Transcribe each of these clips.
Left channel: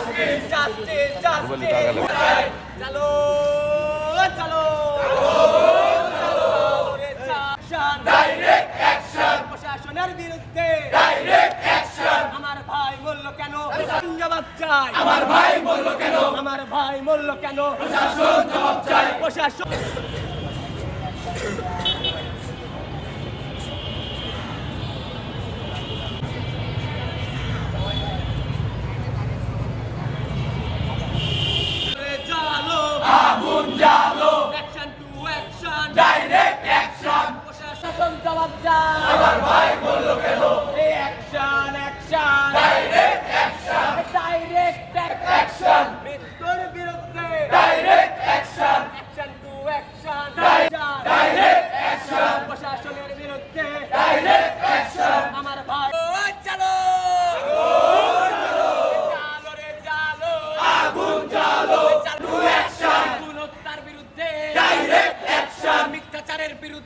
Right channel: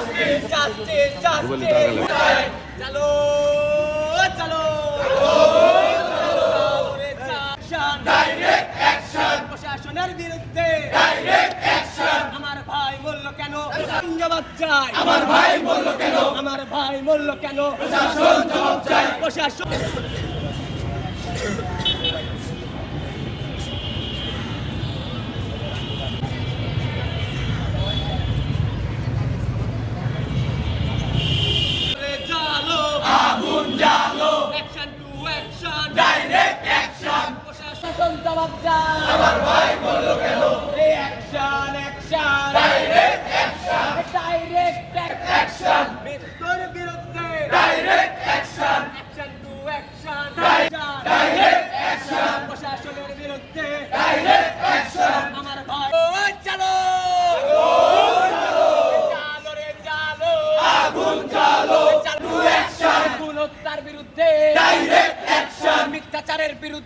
justice, justice, justice. চলো চলো direct প্রশাসনের বিরুদ্ধে ডাইরেক্ট অ্যাকশন আমার ভাই বলল কেন? জিন্দাবাদ চাই আমার ভাই বলল কেন? আমার ভাই বলল কেন? প্রশাসন জবাব চাই প্রশাসন জবাব চাই আমার ভাই বলল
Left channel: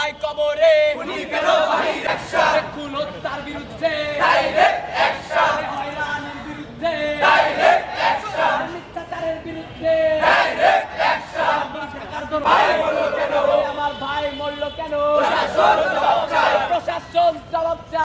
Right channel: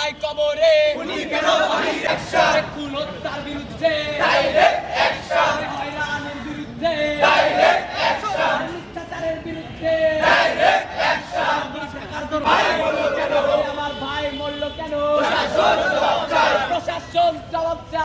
ভাই কবরে উনি কেন বাহির? অ্যাকশন খুন হত্যার বিরুদ্ধে ডাইরেক্ট অ্যাকশন হয়রানির বিরুদ্ধে ডাইরেক্ট অ্যাকশন মিথ্যাচারের বিরুদ্ধে ডাইরেক্ট অ্যাকশন ভাই বলল কেন? আমার ভাই মরলো কেন? প্রশাসন জবাব চাই প্রশাসন জবাব চাই